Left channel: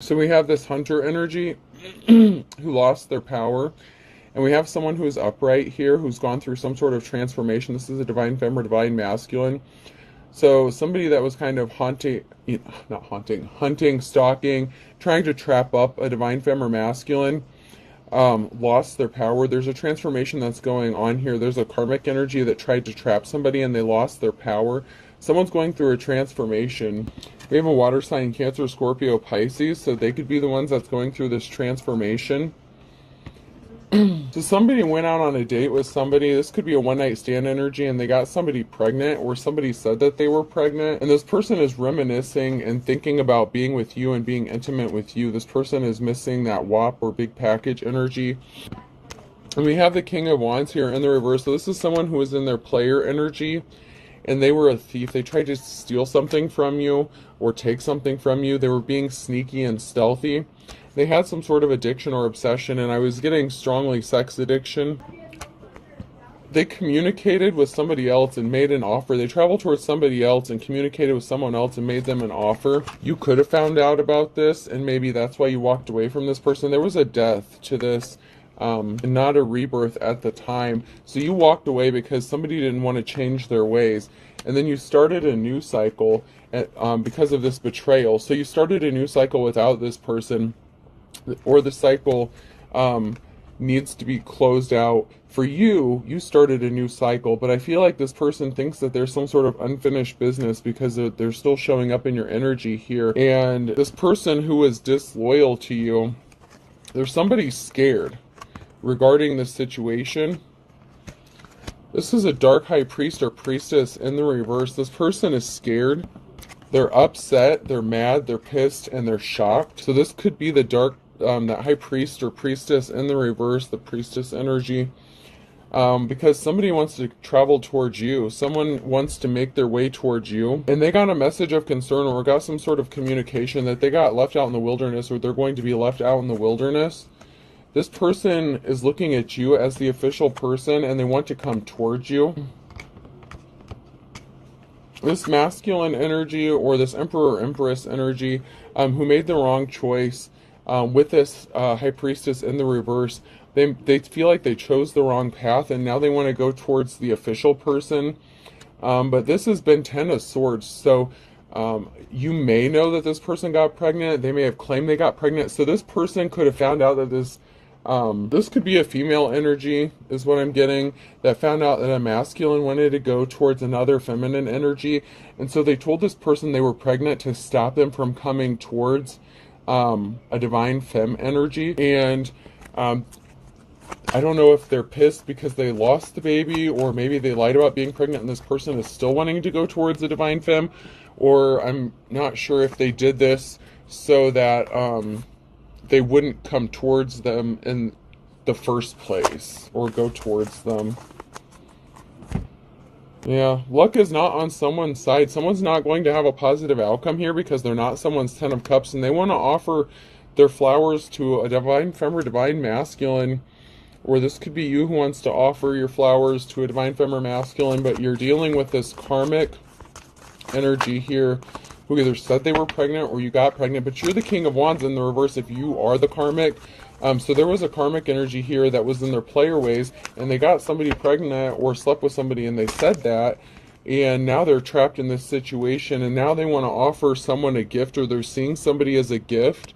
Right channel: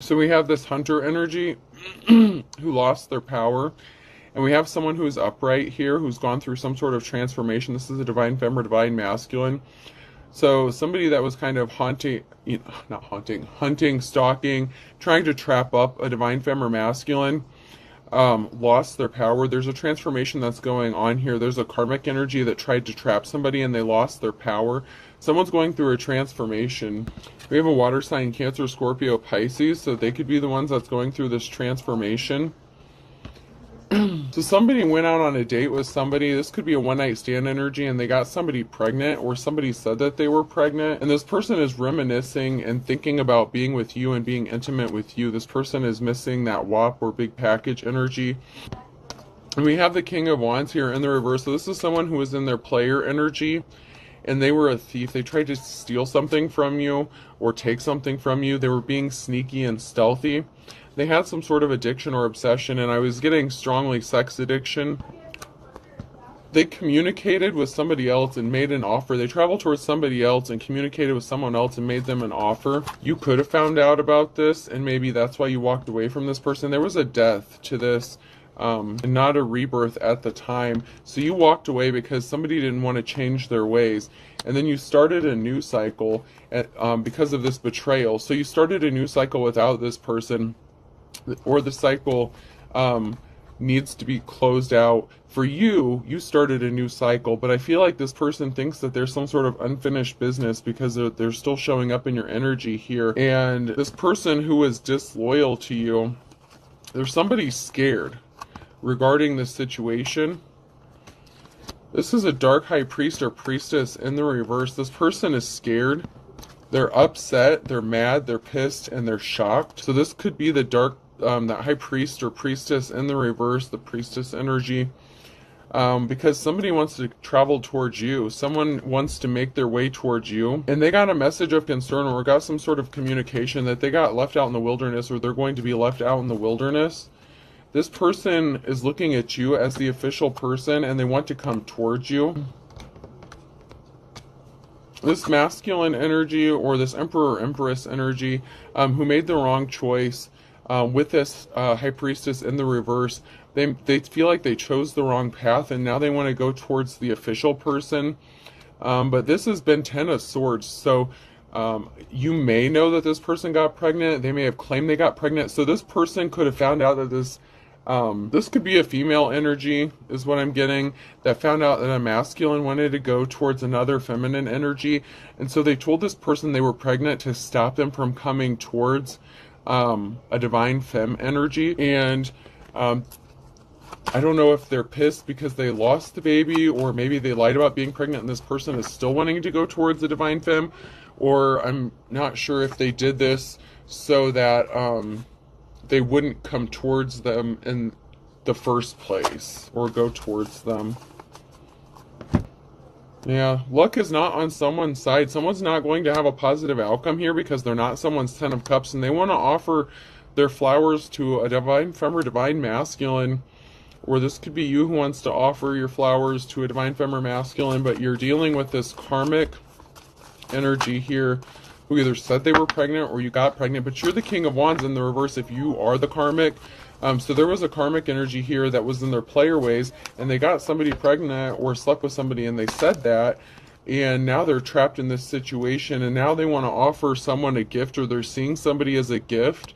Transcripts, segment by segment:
So we have this hunter energy who lost their power. And we have someone who is upright here who's gone through some sort of transformation. This is a divine femme or divine masculine. So somebody that was kind of hunting, stalking, trying to trap up a divine femme or masculine, lost their power. There's a transformation that's going on here. There's a karmic energy that tried to trap somebody and they lost their power. Someone's going through a transformation. We have a water sign, Cancer, Scorpio, Pisces, so they could be the ones that's going through this transformation. So somebody went out on a date with somebody. This could be a one-night stand energy, and they got somebody pregnant, or somebody said that they were pregnant, and this person is reminiscing and thinking about being with you and being intimate with you. This person is missing that WAP or big package energy. And we have the King of Wands here in the reverse. So this is someone who was in their player energy, and they were a thief. They tried to steal something from you or take something from you. They were being sneaky and stealthy. They had some sort of addiction or obsession, and I was getting strongly sex addiction. They communicated with somebody else and made an offer. They traveled towards somebody else and communicated with someone else and made them an offer. You could have found out about this, and maybe that's why you walked away from this person. There was a death to this, not a rebirth at the time. So you walked away because somebody didn't want to change their ways. And then you started a new cycle because of this betrayal. So you started a new cycle without this person, or the cycle needs to be closed out. For you, you started a new cycle, but I feel like this person thinks that there's some sort of unfinished business because they're still showing up in your energy here. And this person who is disloyal to you, there's somebody scared regarding this situation. This is a dark high priest or priestess in the reverse. This person is scared. They're upset, they're mad, they're pissed, and they're shocked. So this could be the dark, that high priest or priestess in the reverse, the priestess energy. Because somebody wants to travel towards you. Someone wants to make their way towards you. And they got a message of concern or got some sort of communication that they got left out in the wilderness, or they're going to be left out in the wilderness. This person is looking at you as the official person, and they want to come towards you. This masculine energy, or this emperor or empress energy, who made the wrong choice with this high priestess in the reverse, they feel like they chose the wrong path, and now they want to go towards the official person. But this has been Ten of Swords, so you may know that this person got pregnant. They may have claimed they got pregnant. So this person could have found out that this could be a female energy, is what I'm getting, that found out that a masculine wanted to go towards another feminine energy. And so they told this person they were pregnant to stop them from coming towards a divine femme energy. And I don't know if they're pissed because they lost the baby, or maybe they lied about being pregnant and this person is still wanting to go towards the divine femme, or I'm not sure if they did this so that they wouldn't come towards them in the first place, or go towards them. Yeah, luck is not on someone's side. Someone's not going to have a positive outcome here because they're not someone's Ten of Cups, and they want to offer their flowers to a divine femme or divine masculine. Or this could be you who wants to offer your flowers to a divine femme or masculine, but you're dealing with this karmic energy here, who either said they were pregnant or you got pregnant, but you're the King of Wands in the reverse if you are the karmic. So there was a karmic energy here that was in their player ways, and they got somebody pregnant or slept with somebody and they said that, and now they're trapped in this situation, and now they want to offer someone a gift, or they're seeing somebody as a gift.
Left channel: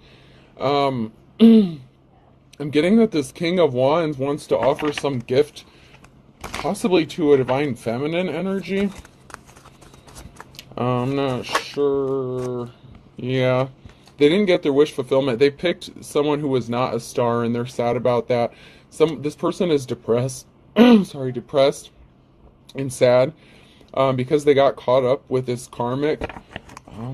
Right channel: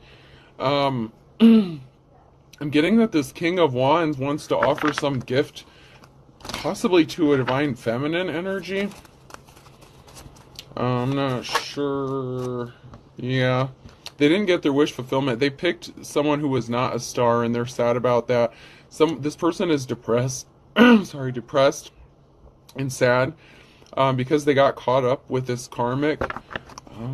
I'm getting that this King of Wands wants to offer some gift, possibly to a divine feminine energy. I'm not sure. Yeah. They didn't get their wish fulfillment. They picked someone who was not a star, and they're sad about that. This person is depressed. Depressed and sad because they got caught up with this karmic. I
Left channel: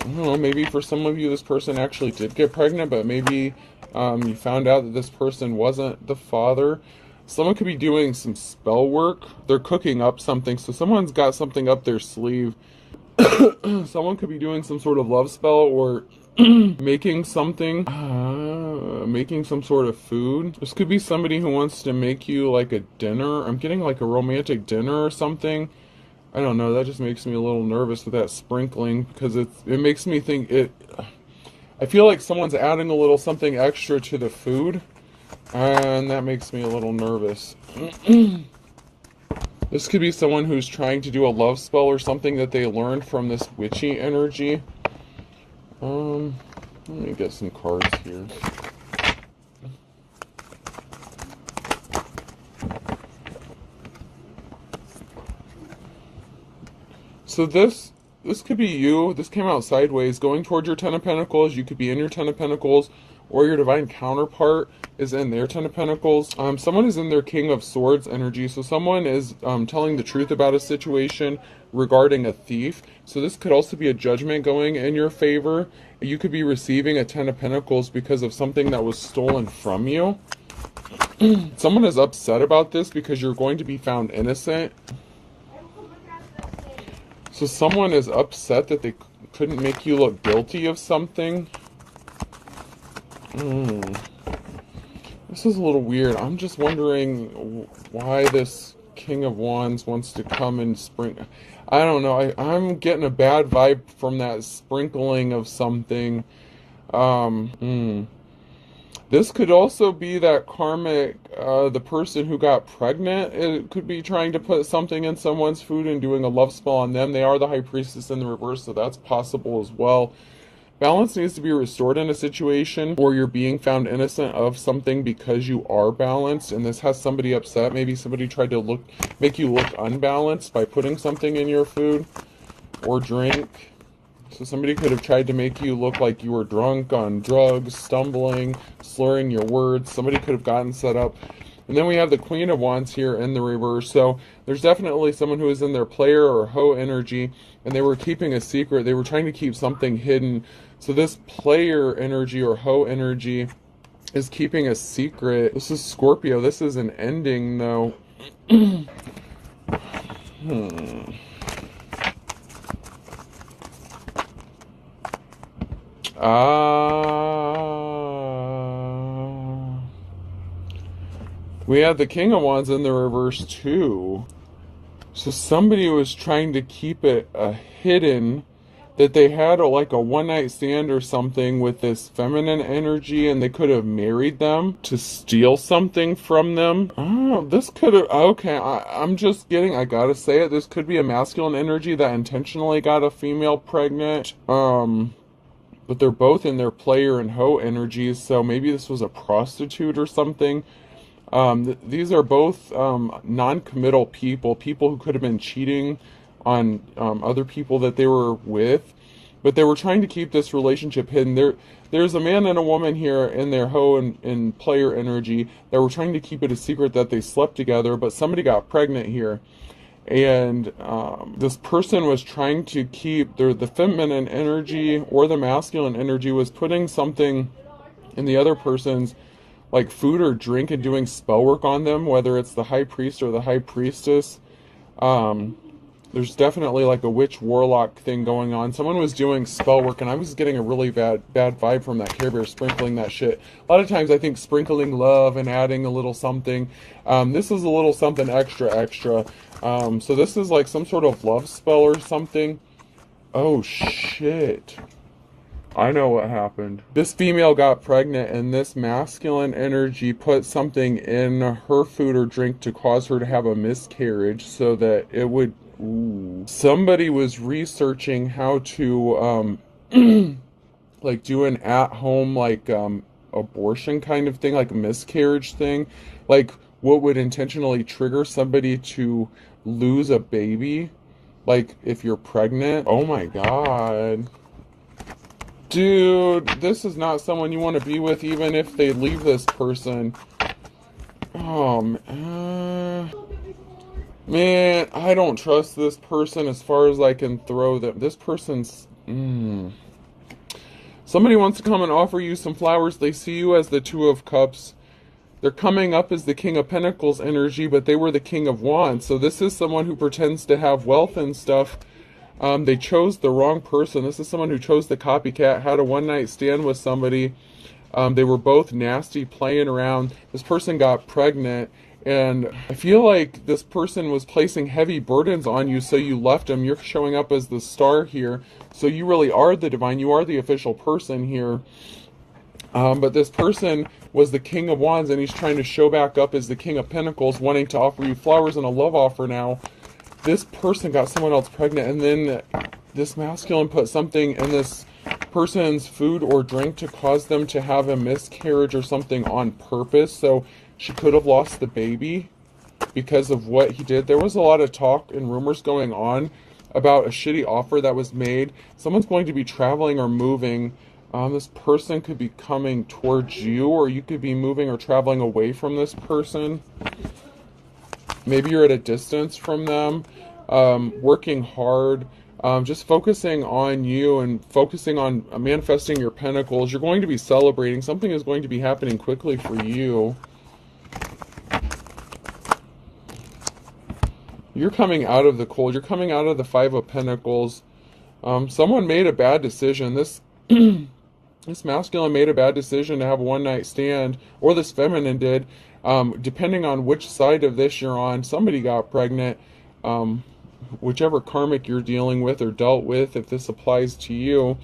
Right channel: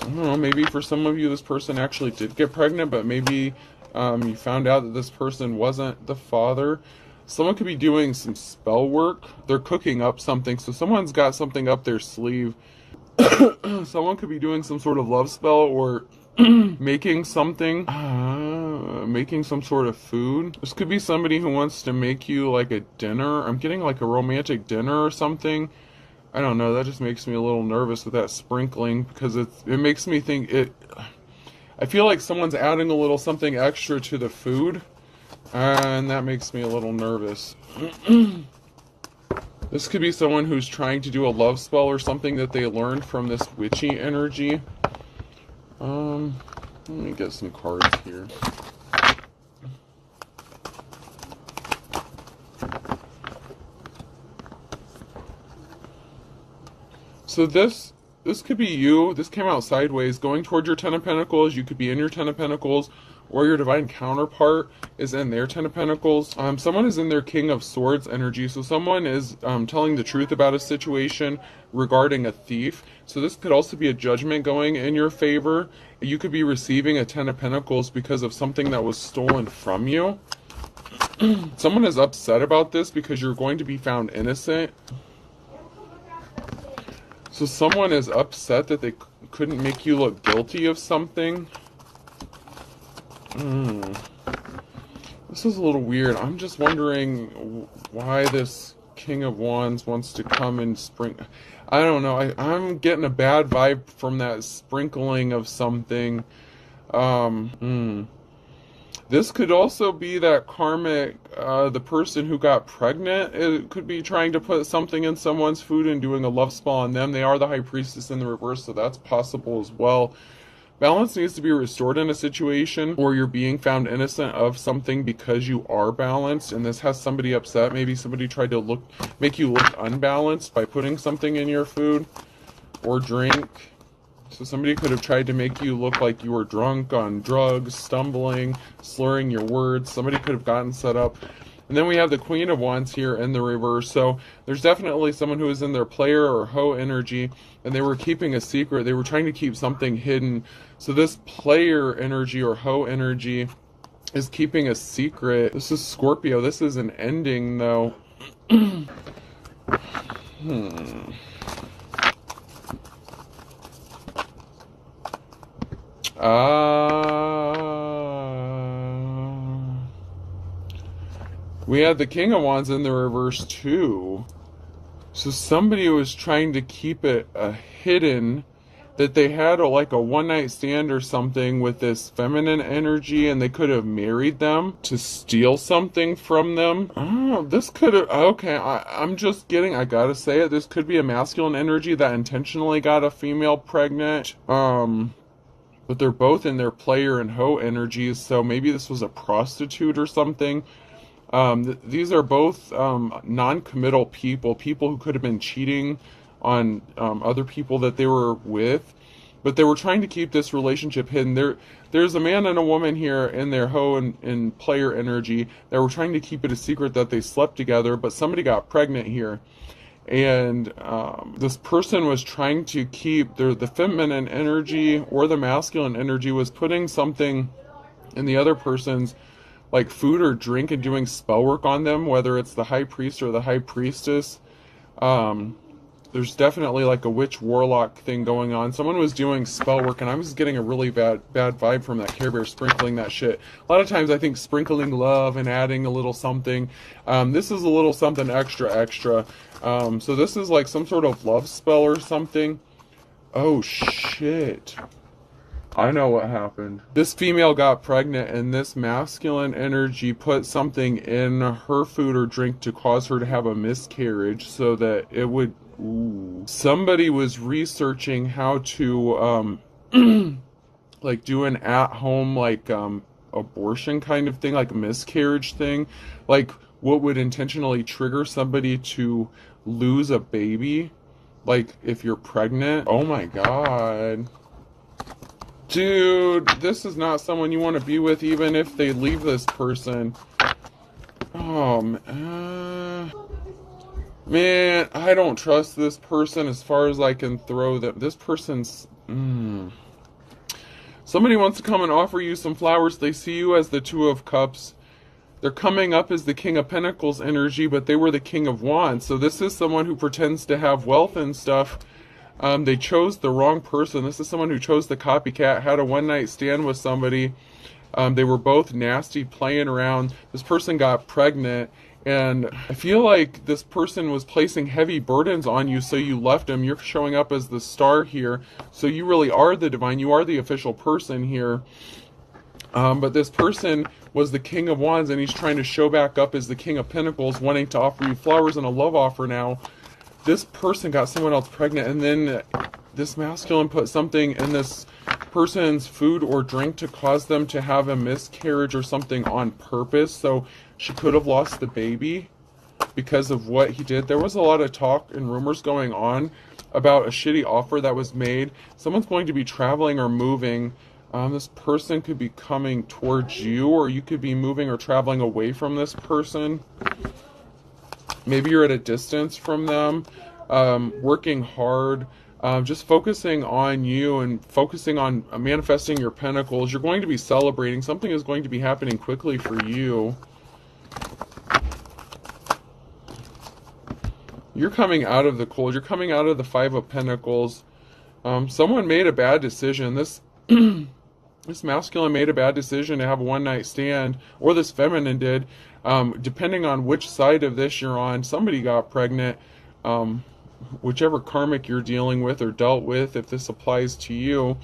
don't know, maybe for some of you this person actually did get pregnant, but maybe you found out that this person wasn't the father. Someone could be doing some spell work. They're cooking up something, so someone's got something up their sleeve. Someone could be doing some sort of love spell, or making something, making some sort of food. This could be somebody who wants to make you like a dinner. I'm getting like a romantic dinner or something. I don't know, that just makes me a little nervous with that sprinkling, because it makes me think I feel like someone's adding a little something extra to the food, and that makes me a little nervous. This could be someone who's trying to do a love spell or something that they learned from this witchy energy. Let me get some cards here. So this could be you. This came out sideways, going towards your Ten of Pentacles. You could be in your Ten of Pentacles, or your divine counterpart is in their Ten of Pentacles. Someone is in their King of Swords energy. So someone is telling the truth about a situation regarding a thief. So this could also be a judgment going in your favor. You could be receiving a Ten of Pentacles because of something that was stolen from you. Someone is upset about this because you're going to be found innocent. So someone is upset that they couldn't make you look guilty of something. This is a little weird. I'm just wondering why this King of Wands wants to come and sprinkle. I don't know. I'm getting a bad vibe from that sprinkling of something. This could also be that karmic, the person who got pregnant. It could be trying to put something in someone's food and doing a love spell on them. They are the High Priestess in the reverse, so that's possible as well. Balance needs to be restored in a situation, or you're being found innocent of something because you are balanced, and this has somebody upset. Maybe somebody tried to make you look unbalanced by putting something in your food or drink. So somebody could have tried to make you look like you were drunk on drugs, stumbling, slurring your words. Somebody could have gotten set up. And then we have the Queen of Wands here in the reverse. So there's definitely someone who is in their player or hoe energy, and they were keeping a secret. They were trying to keep something hidden. So this player energy or hoe energy is keeping a secret. This is Scorpio. This is an ending, though. We had the King of Wands in the reverse too. So somebody was trying to keep it hidden, that they had like a one-night stand or something with this feminine energy, and they could have married them to steal something from them. Oh, this could have, okay, I'm just getting, I gotta say it, this could be a masculine energy that intentionally got a female pregnant. But they're both in their player and hoe energies, so maybe this was a prostitute or something. These are both non-committal people who could have been cheating on other people that they were with, but they were trying to keep this relationship hidden. There's a man and a woman here in their hoe and player energy that were trying to keep it a secret that they slept together, but somebody got pregnant here. And this person was trying to keep the feminine energy or the masculine energy was putting something in the other person's like food or drink and doing spell work on them, whether it's the High Priest or the High Priestess. There's definitely like a witch warlock thing going on. Someone was doing spell work, and I was getting a really bad vibe from that Care Bear sprinkling that shit. A lot of times I think sprinkling love and adding a little something. This is a little something extra. So this is like some sort of love spell or something. Oh shit. I know what happened. This female got pregnant, and this masculine energy put something in her food or drink to cause her to have a miscarriage so that it would... Ooh. Somebody was researching how to like do an at-home like abortion kind of thing, like a miscarriage thing, like what would intentionally trigger somebody to lose a baby, like if you're pregnant. Oh my god. Dude, this is not someone you want to be with, even if they leave this person. Oh, man, I don't trust this person as far as I can throw them. This person's... Somebody wants to come and offer you some flowers. They see you as the Two of Cups. They're coming up as the King of Pentacles energy, but they were the King of Wands. So this is someone who pretends to have wealth and stuff. They chose the wrong person. This is someone who chose the copycat, had a one-night stand with somebody. They were both nasty, playing around. This person got pregnant, And I feel like this person was placing heavy burdens on you, so you left them. You're showing up as the star here. So you really are the divine. You are the official person here. But this person was the King of Wands, and he's trying to show back up as the King of Pentacles, wanting to offer you flowers and a love offer now. This person got someone else pregnant, and then this masculine put something in this person's food or drink to cause them to have a miscarriage or something on purpose. So she could have lost the baby because of what he did. There was a lot of talk and rumors going on about a shitty offer that was made. Someone's going to be traveling or moving. This person could be coming towards you, or you could be moving or traveling away from this person. Maybe you're at a distance from them, working hard, just focusing on you and focusing on manifesting your pentacles. You're going to be celebrating. Something is going to be happening quickly for you. You're coming out of the cold. You're coming out of the Five of Pentacles. Someone made a bad decision. This this masculine made a bad decision to have a one-night stand, or this feminine did. Depending on which side of this you're on, somebody got pregnant. Whichever karmic you're dealing with or dealt with, if this applies to you.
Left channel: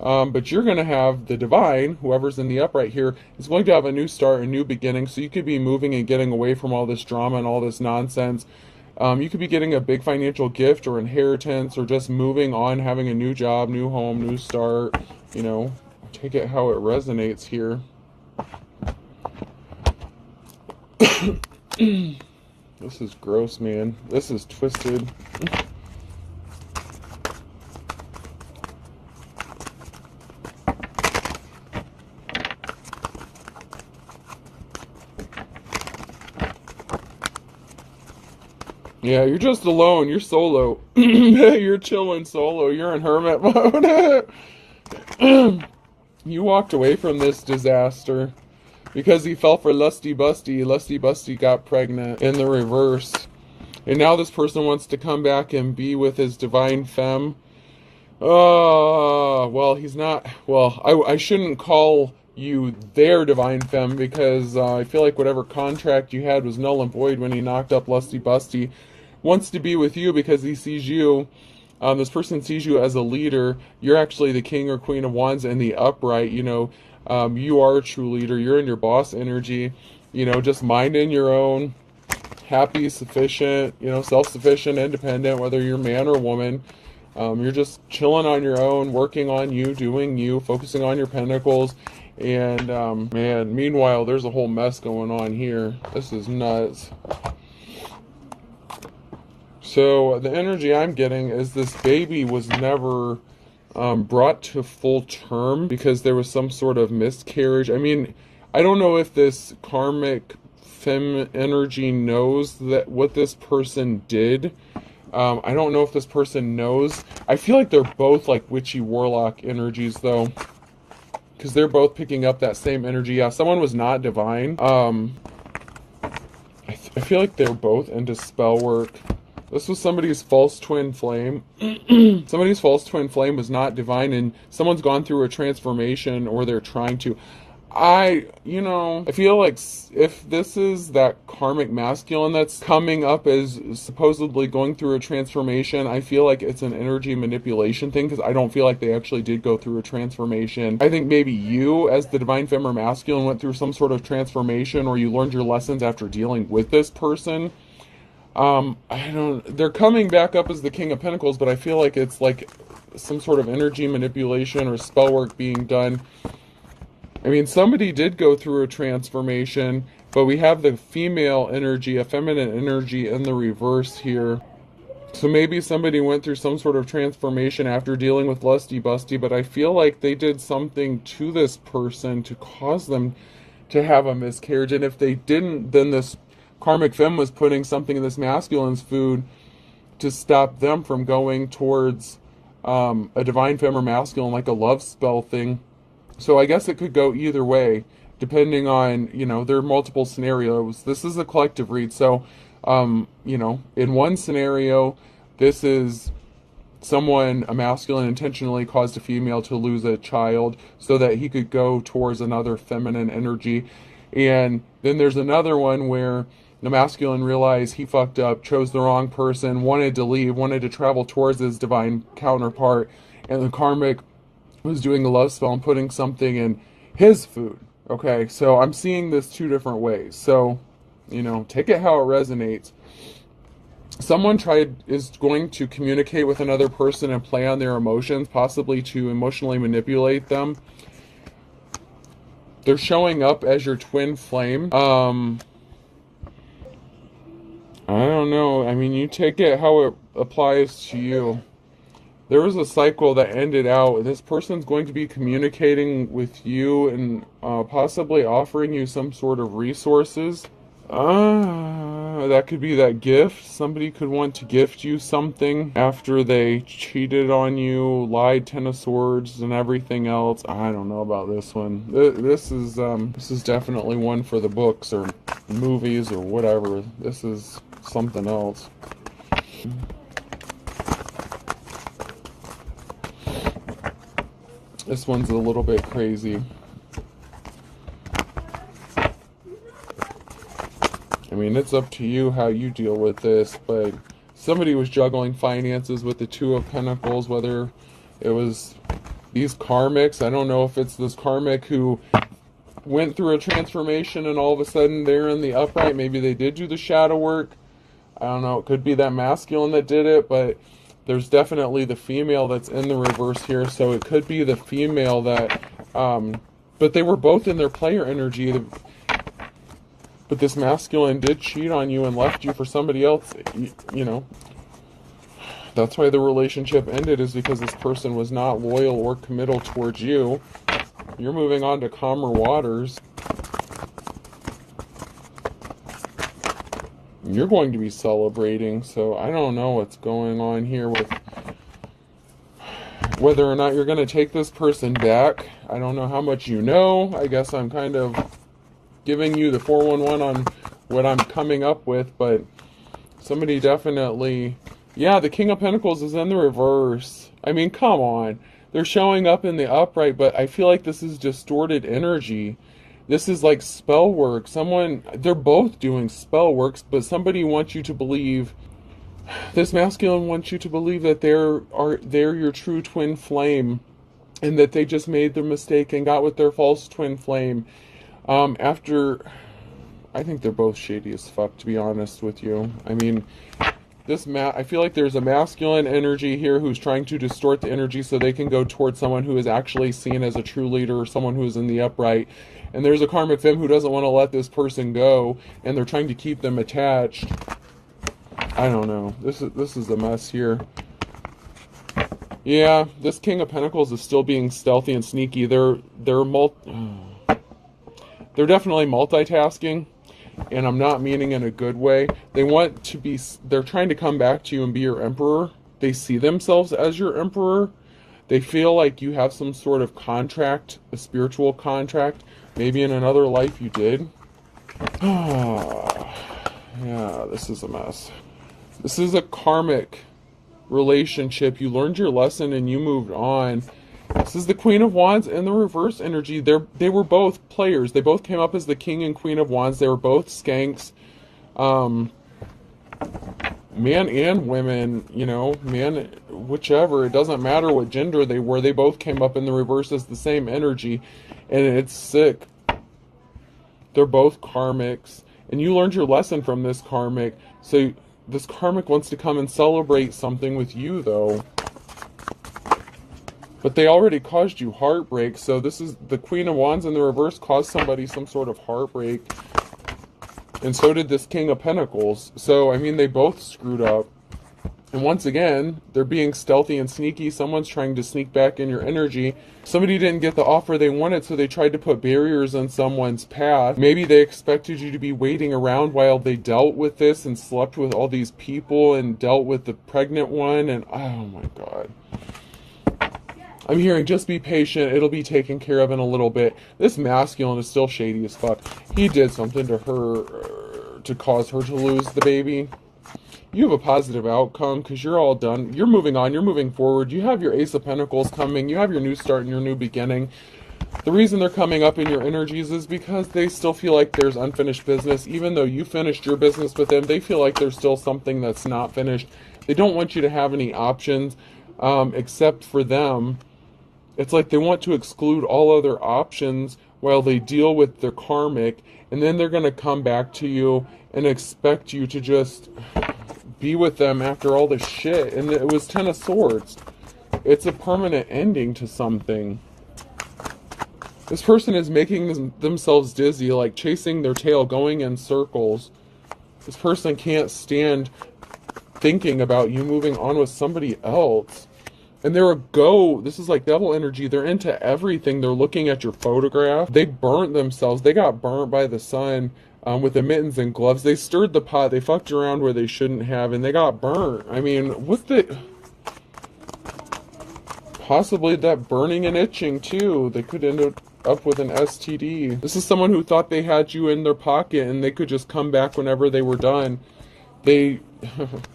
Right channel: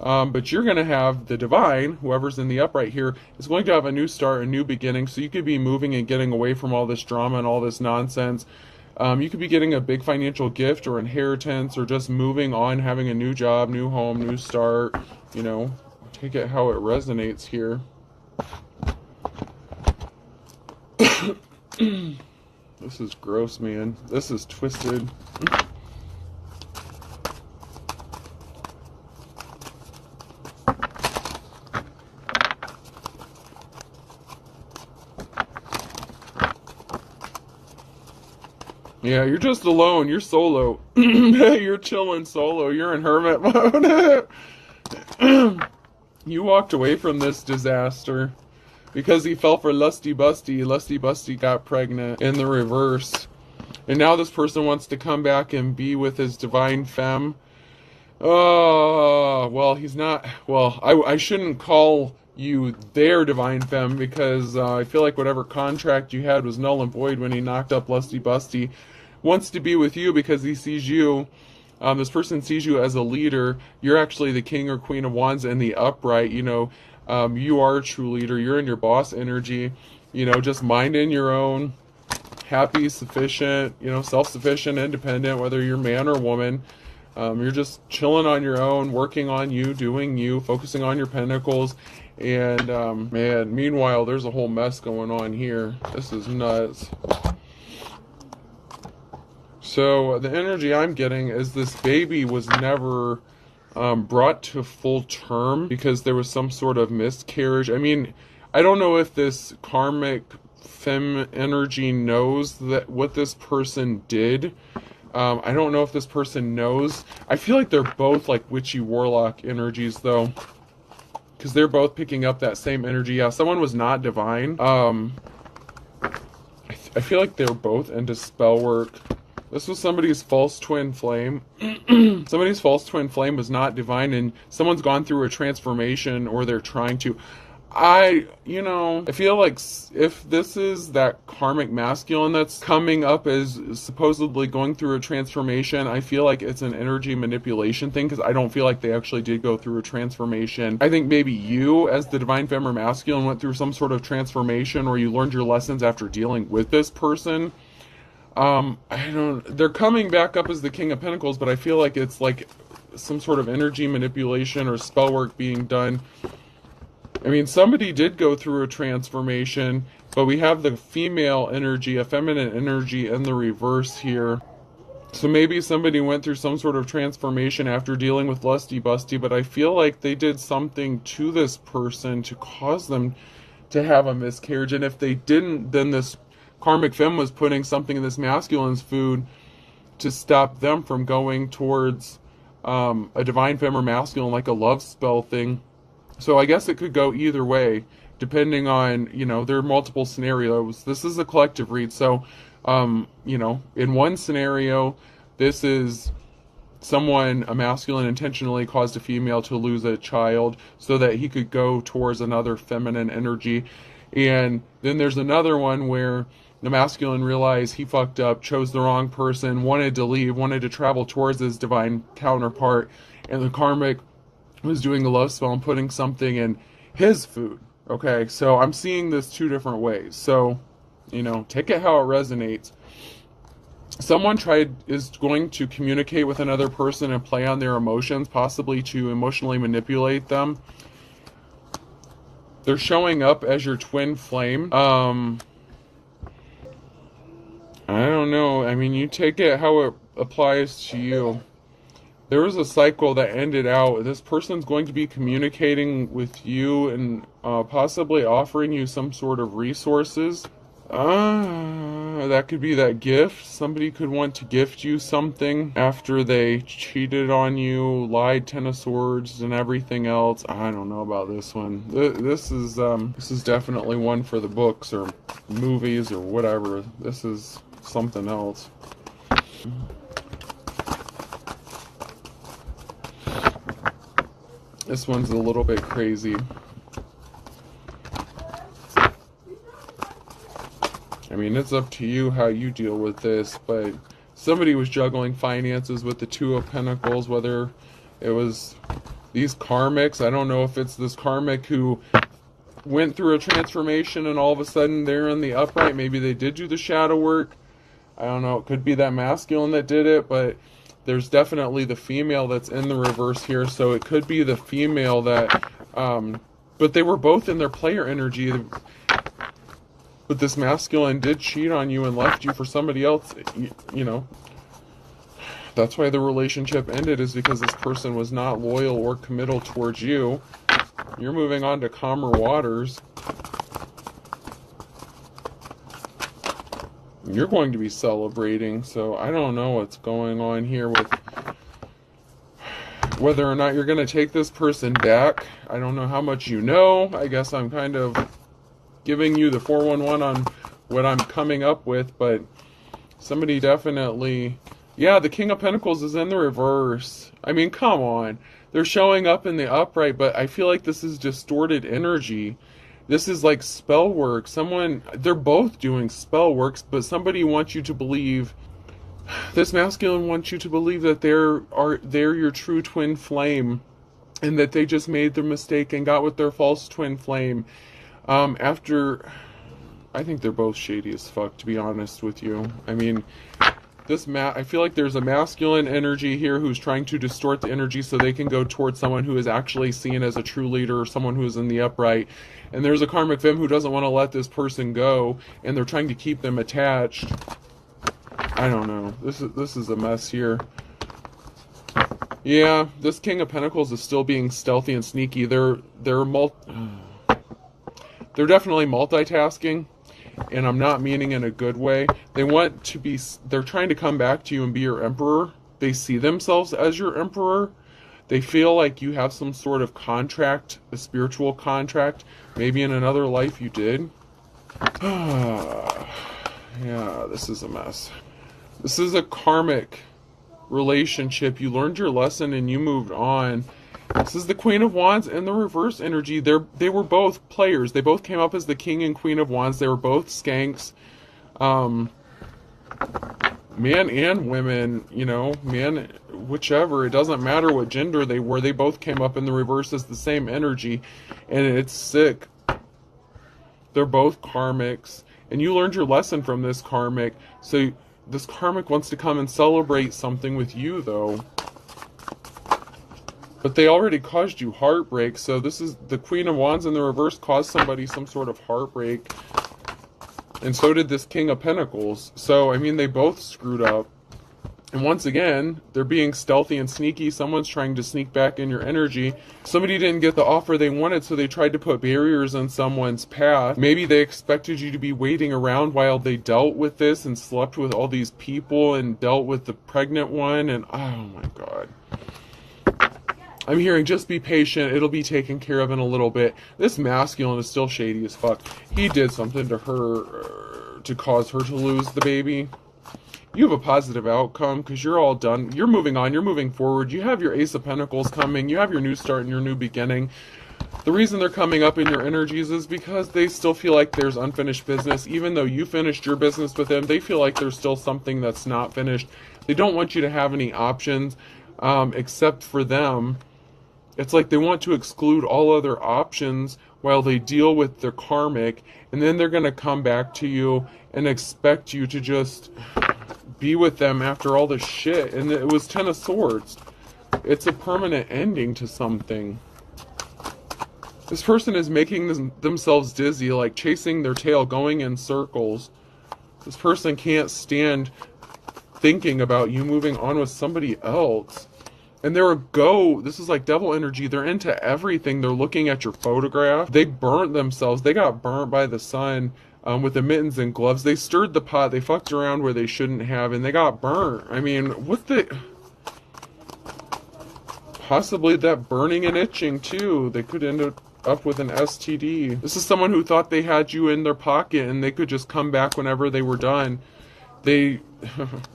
But you're going to have the divine, whoever's in the upright here, is going to have a new start, a new beginning. So you could be moving and getting away from all this drama and all this nonsense. You could be getting a big financial gift or inheritance, or just moving on, having a new job, new home, new start. You know, take it how it resonates here. This is gross, man. This is twisted. Yeah, you're just alone. You're solo. You're chilling solo. You're in hermit mode. You walked away from this disaster because he fell for lusty busty. Lusty busty got pregnant in the reverse. And now this person wants to come back and be with his divine femme. Oh, well, he's not. Well, I shouldn't call you their divine femme, because I feel like whatever contract you had was null and void when he knocked up lusty busty. Wants to be with you because he sees you. This person sees you as a leader. You're actually the King or Queen of Wands in the upright. You know, you are a true leader. You're in your boss energy. You know, just minding your own, happy, sufficient, you know, self-sufficient, independent, whether you're man or woman. You're just chilling on your own, working on you, doing you, focusing on your pentacles. And, man, meanwhile, there's a whole mess going on here. This is nuts. So the energy I'm getting is this baby was never brought to full term because there was some sort of miscarriage. I mean, I don't know if this karmic femme energy knows that what this person did. I don't know if this person knows. I feel like they're both like witchy warlock energies, though, because they're both picking up that same energy. Yeah, someone was not divine. I feel like they're both into spell work. This was somebody's false twin flame. Somebody's false twin flame was not divine, and someone's gone through a transformation, or they're trying to. I feel like if this is that karmic masculine that's coming up as supposedly going through a transformation, I feel like it's an energy manipulation thing, because I don't feel like they actually did go through a transformation. I think maybe you, as the divine femme or masculine, went through some sort of transformation, or you learned your lessons after dealing with this person. They're coming back up as the King of Pentacles, but I feel like it's like some sort of energy manipulation or spell work being done. I mean, somebody did go through a transformation, but we have the female energy, a feminine energy in the reverse here. So maybe somebody went through some sort of transformation after dealing with lusty busty, but I feel like they did something to this person to cause them to have a miscarriage. And if they didn't, then this karmic femme was putting something in this masculine's food to stop them from going towards a divine femme or masculine, like a love spell thing. So I guess it could go either way, depending on, there are multiple scenarios. This is a collective read. So, in one scenario, this is someone, a masculine, intentionally caused a female to lose a child so that he could go towards another feminine energy. And then there's another one where The masculine realized he fucked up, chose the wrong person, wanted to leave, wanted to travel towards his divine counterpart, and the karmic was doing a love spell and putting something in his food. Okay, so I'm seeing this two different ways. So, take it how it resonates. Someone is going to communicate with another person and play on their emotions, possibly to emotionally manipulate them. They're showing up as your twin flame. I don't know. I mean, you take it how it applies to you. There was a cycle that ended out. This person's going to be communicating with you and possibly offering you some sort of resources. That could be that gift. Somebody could want to gift you something after they cheated on you, lied, 10 of swords, and everything else. I don't know about this one. This is definitely one for the books or movies or whatever. This is something else. This one's a little bit crazy. I mean, it's up to you how you deal with this, but somebody was juggling finances with the Two of Pentacles, whether it was these karmics. I don't know if it's this karmic who went through a transformation and all of a sudden they're in the upright. Maybe they did do the shadow work. I don't know. It could be that masculine that did it, but there's definitely the female that's in the reverse here. So it could be the female that, but they were both in their player energy. But this masculine did cheat on you and left you for somebody else, That's why the relationship ended, is because this person was not loyal or committal towards you. You're moving on to calmer waters. You're going to be celebrating, so I don't know what's going on here with whether or not you're going to take this person back. I don't know how much you know. I guess I'm kind of giving you the 411 on what I'm coming up with, but somebody definitely, yeah, the King of Pentacles is in the reverse. I mean, come on. They're showing up in the upright, but I feel like this is distorted energy. This is like spell work. They're both doing spell works, but somebody wants you to believe, this masculine wants you to believe that they're your true twin flame, and that they just made their mistake and got with their false twin flame. I think they're both shady as fuck, to be honest with you. I mean, I feel like there's a masculine energy here who's trying to distort the energy so they can go towards someone who is actually seen as a true leader, or someone who's in the upright. And there's a karmic femme who doesn't want to let this person go, and they're trying to keep them attached. I don't know. This is a mess here. Yeah, this King of Pentacles is still being stealthy and sneaky. They're definitely multitasking, and I'm not meaning in a good way. They're trying to come back to you and be your emperor. They see themselves as your emperor. They feel like you have some sort of contract, a spiritual contract. Maybe in another life you did. Yeah, this is a mess. This is a karmic relationship. You learned your lesson and you moved on. This is the Queen of Wands and the reverse energy. They were both players. They both came up as the King and Queen of Wands. They were both skanks. Man and women, man, whichever. It doesn't matter what gender they were. They both came up in the reverse as the same energy. And it's sick. They're both karmics. And you learned your lesson from this karmic. So this karmic wants to come and celebrate something with you, though. But they already caused you heartbreak. So this is the Queen of Wands in the reverse caused somebody some sort of heartbreak. And so did this King of Pentacles. So, I mean, they both screwed up. And once again, they're being stealthy and sneaky. Someone's trying to sneak back in your energy. Somebody didn't get the offer they wanted, so they tried to put barriers in someone's path. Maybe they expected you to be waiting around while they dealt with this and slept with all these people and dealt with the pregnant one. And, oh my God. I'm hearing just be patient. It'll be taken care of in a little bit. This masculine is still shady as fuck. He did something to her to cause her to lose the baby. You have a positive outcome because you're all done. You're moving on. You're moving forward. You have your Ace of Pentacles coming. You have your new start and your new beginning. The reason they're coming up in your energies is because they still feel like there's unfinished business. Even though you finished your business with them, they feel like there's still something that's not finished. They don't want you to have any options except for them. It's like they want to exclude all other options while they deal with their karmic, and then they're going to come back to you and expect you to just be with them after all this shit. And it was 10 of Swords. It's a permanent ending to something. This person is making themselves dizzy, like chasing their tail, going in circles. This person can't stand thinking about you moving on with somebody else. And they're this is like devil energy. They're into everything. They're looking at your photograph. They burnt themselves. They got burnt by the sun with the mittens and gloves. They stirred the pot. They fucked around where they shouldn't have, and they got burnt. I mean, what the... Possibly that burning and itching, too. They could end up with an STD. This is someone who thought they had you in their pocket and they could just come back whenever they were done. They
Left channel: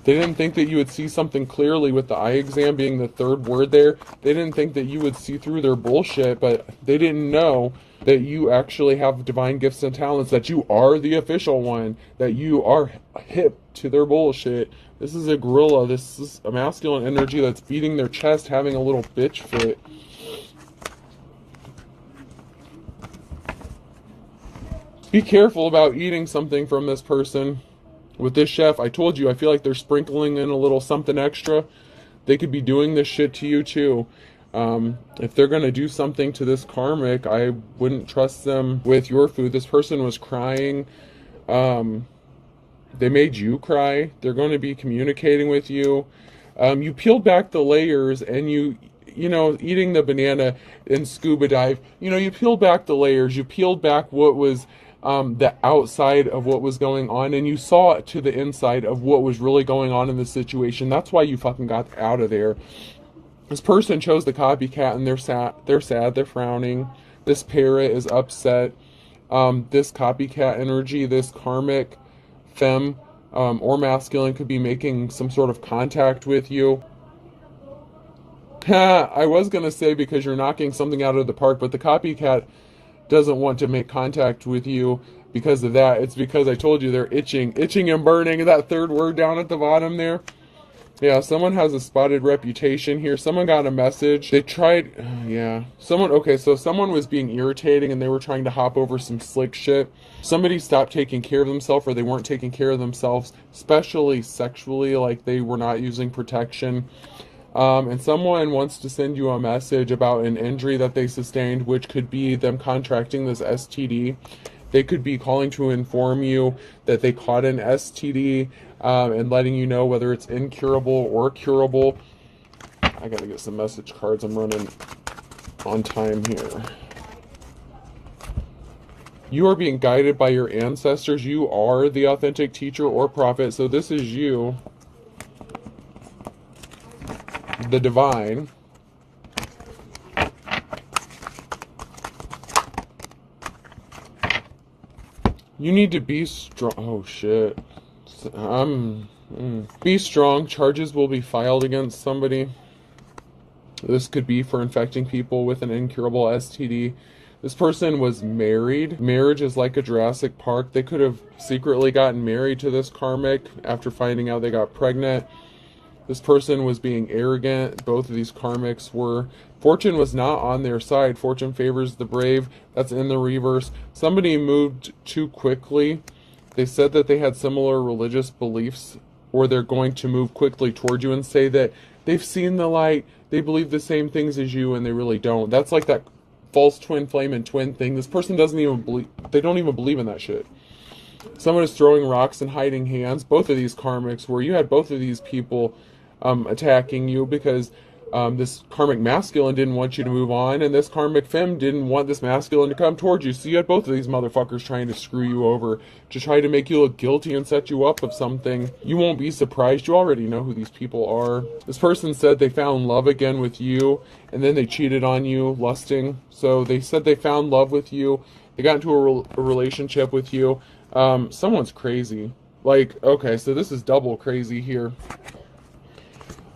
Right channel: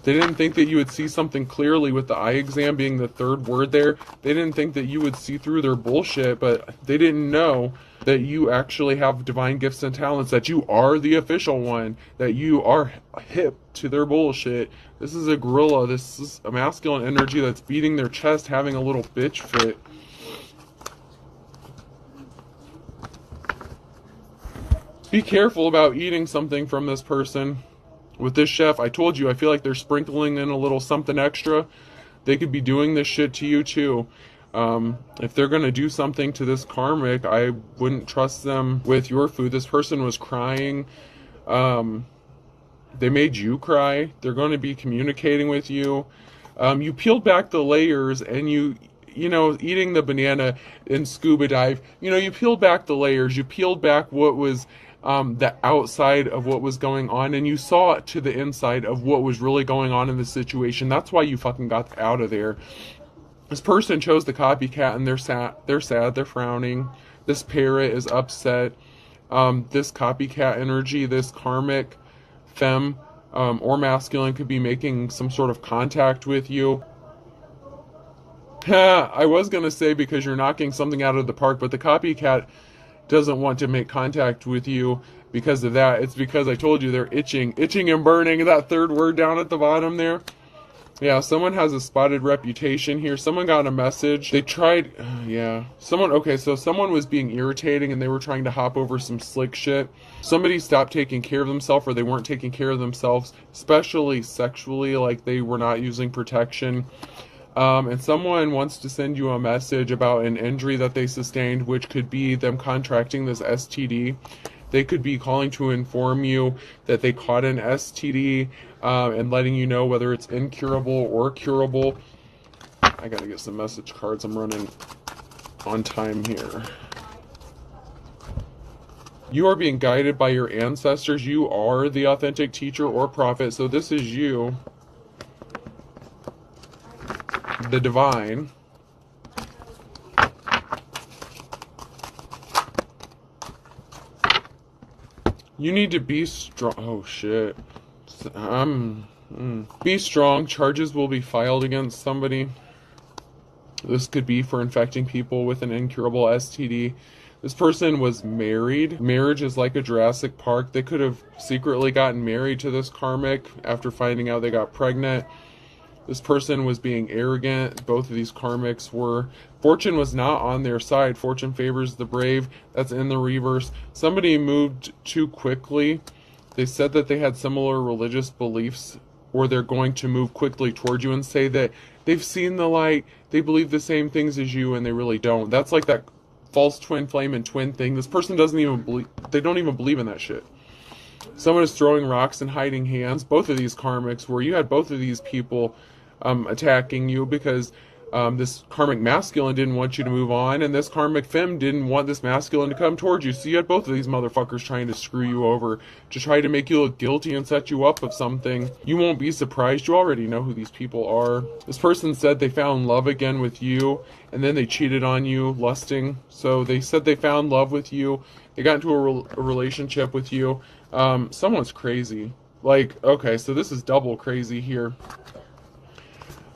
didn't think that you would see something clearly with the eye exam being the third word there. They didn't think that you would see through their bullshit, but they didn't know that you actually have divine gifts and talents, that you are the official one, that you are hip to their bullshit. This is a gorilla. This is a masculine energy that's beating their chest, having a little bitch fit. Be careful about eating something from this person. With this chef, I told you, I feel like they're sprinkling in a little something extra. They could be doing this shit to you too. If they're going to do something to this karmic, I wouldn't trust them with your food. This person was crying. They made you cry. They're going to be communicating with you. You peeled back the layers and you know, eating the banana in scuba dive, you peeled back the layers. You peeled back what was the outside of what was going on, and you saw to the inside of what was really going on in the situation. That's why you fucking got out of there. This person chose the copycat, and they're sad, they're frowning. This parrot is upset. This copycat energy, this karmic femme or masculine could be making some sort of contact with you. I was going to say because you're knocking something out of the park, but the copycat doesn't want to make contact with you because of that. It's because I told you they're itching and burning. That third word down at the bottom there. Yeah, someone has a spotted reputation here. Someone got a message. They tried, someone was being irritating and they were trying to hop over some slick shit. Somebody stopped taking care of themselves, or they weren't taking care of themselves, especially sexually, like they were not using protection. And someone wants to send you a message about an injury that they sustained, which could be them contracting this STD. They could be calling to inform you that they caught an STD and letting you know whether it's incurable or curable. I gotta get some message cards. I'm running on time here. You are being guided by your ancestors. You are the authentic teacher or prophet. So this is you, the divine. You need to be strong. Oh shit. Be strong. Charges will be filed against somebody. This could be for infecting people with an incurable STD. This person was married. Marriage is like a Jurassic Park. They could have secretly gotten married to this karmic after finding out they got pregnant. This person was being arrogant. Both of these karmics were. Fortune was not on their side. Fortune favors the brave. That's in the reverse. Somebody moved too quickly. They said that they had similar religious beliefs, or they're going to move quickly toward you and say that they've seen the light. They believe the same things as you, and they really don't. That's like that false twin flame and twin thing. This person doesn't even believe. They don't even believe in that shit. Someone is throwing rocks and hiding hands. Both of these karmics, where you had both of these people attacking you because this karmic masculine didn't want you to move on, and this karmic femme didn't want this masculine to come towards you. So you had both of these motherfuckers trying to screw you over, to try to make you look guilty and set you up of something. You won't be surprised. You already know who these people are. This person said they found love again with you, and then they cheated on you, lusting. So they said they found love with you. They got into a relationship with you. Someone's crazy. Like, okay, so this is double crazy here.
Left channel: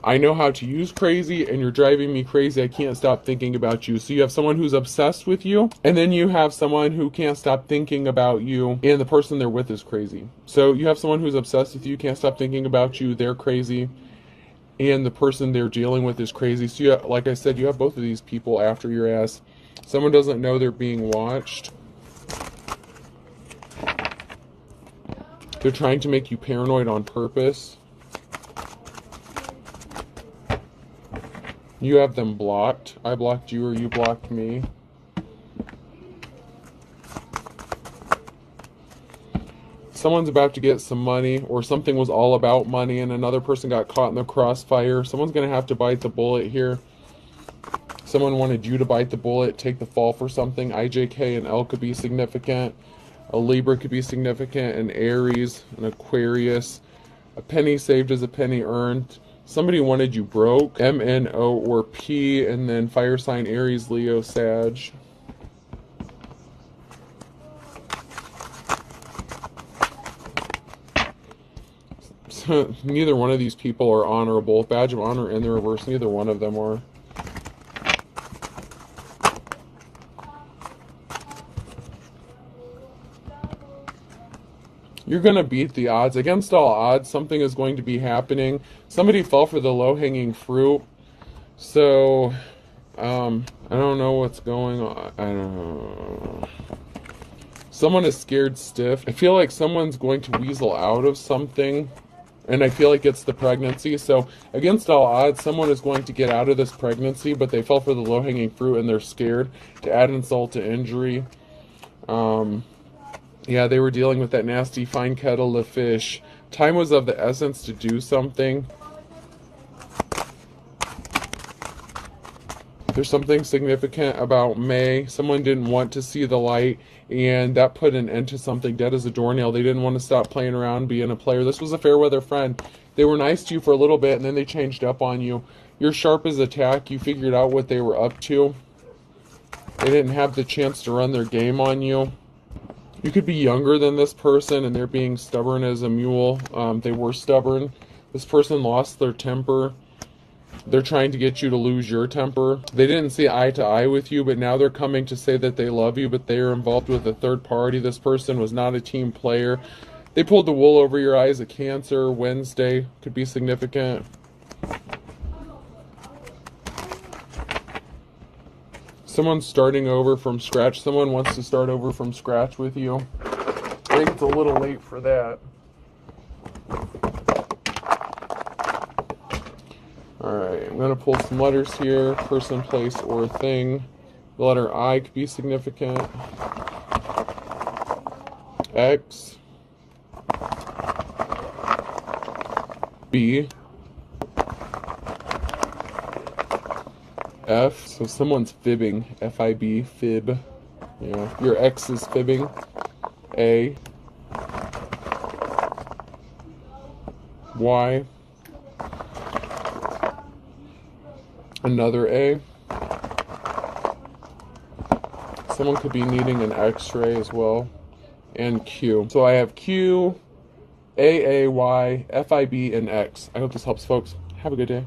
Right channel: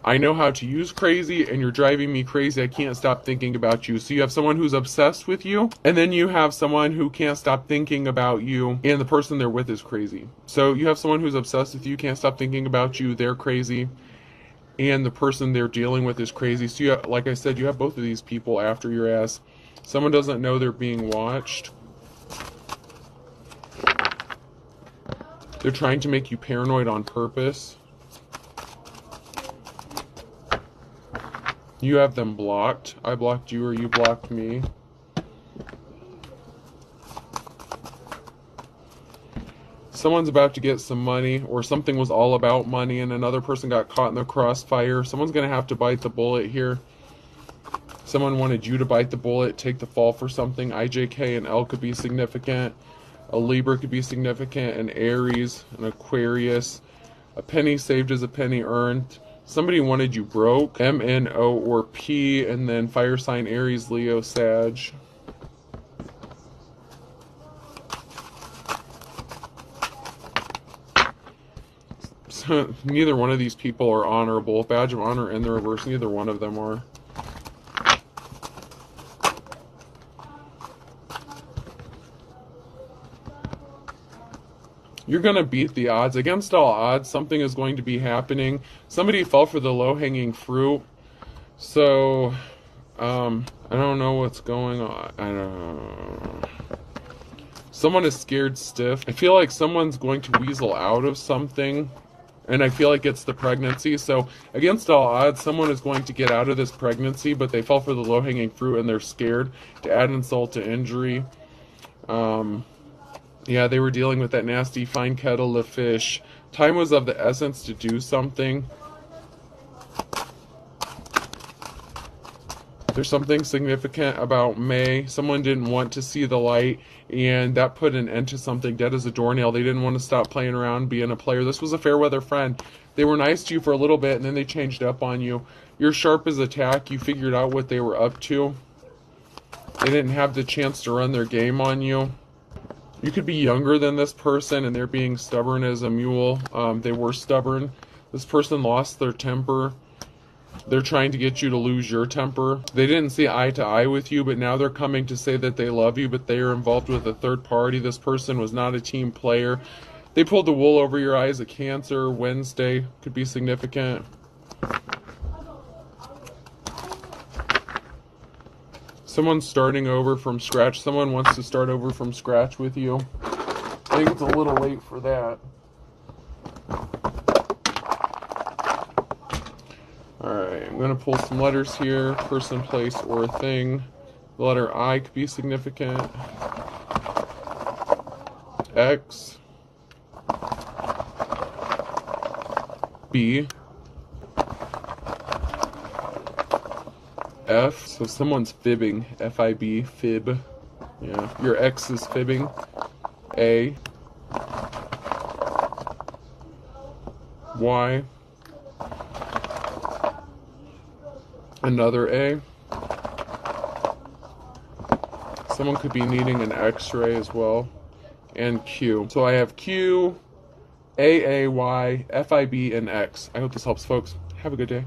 I know how to use crazy, and you're driving me crazy. I can't stop thinking about you. So you have someone who's obsessed with you, and then you have someone who can't stop thinking about you, and the person they're with is crazy. So you have someone who's obsessed with you, can't stop thinking about you, they're crazy, and the person they're dealing with is crazy. So you have, like I said, you have both of these people after your ass. Someone doesn't know they're being watched. They're trying to make you paranoid on purpose. You have them blocked. I blocked you or you blocked me. Someone's about to get some money, or something was all about money and another person got caught in the crossfire. Someone's going to have to bite the bullet here. Someone wanted you to bite the bullet, take the fall for something. IJK and L could be significant. A Libra could be significant. An Aries, an Aquarius. A penny saved is a penny earned. Somebody wanted you broke. M, N, O, or P, and then fire sign Aries, Leo, Sag. So neither one of these people are honorable. Badge of honor in the reverse. Neither one of them are. You're going to beat the odds. Against all odds, something is going to be happening. Somebody fell for the low-hanging fruit. So, I don't know what's going on. I don't know. Someone is scared stiff. I feel like someone's going to weasel out of something. And I feel like it's the pregnancy. So, against all odds, someone is going to get out of this pregnancy, but they fell for the low-hanging fruit and they're scared. To add insult to injury. Yeah, they were dealing with that nasty fine kettle of fish. Time was of the essence to do something. There's something significant about May. Someone didn't want to see the light, and that put an end to something dead as a doornail. They didn't want to stop playing around, being a player. This was a fair weather friend. They were nice to you for a little bit, and then they changed up on you. You're sharp as a tack. You figured out what they were up to. They didn't have the chance to run their game on you. You could be younger than this person, and they're being stubborn as a mule. They were stubborn. This person lost their temper. They're trying to get you to lose your temper. They didn't see eye to eye with you, but now they're coming to say that they love you, but they are involved with a third party. This person was not a team player. They pulled the wool over your eyes. A Cancer. Wednesday could be significant. Someone's starting over from scratch. Someone wants to start over from scratch with you. I think it's a little late for that. Alright, I'm going to pull some letters here. Person, place, or thing. The letter I could be significant. X. B. F, so someone's fibbing. F-I-B, fib. Yeah, your ex is fibbing. A. Y. Another A. Someone could be needing an X-ray as well. And Q. So I have Q, A, Y, F-I-B, and X. I hope this helps, folks. Have a good day.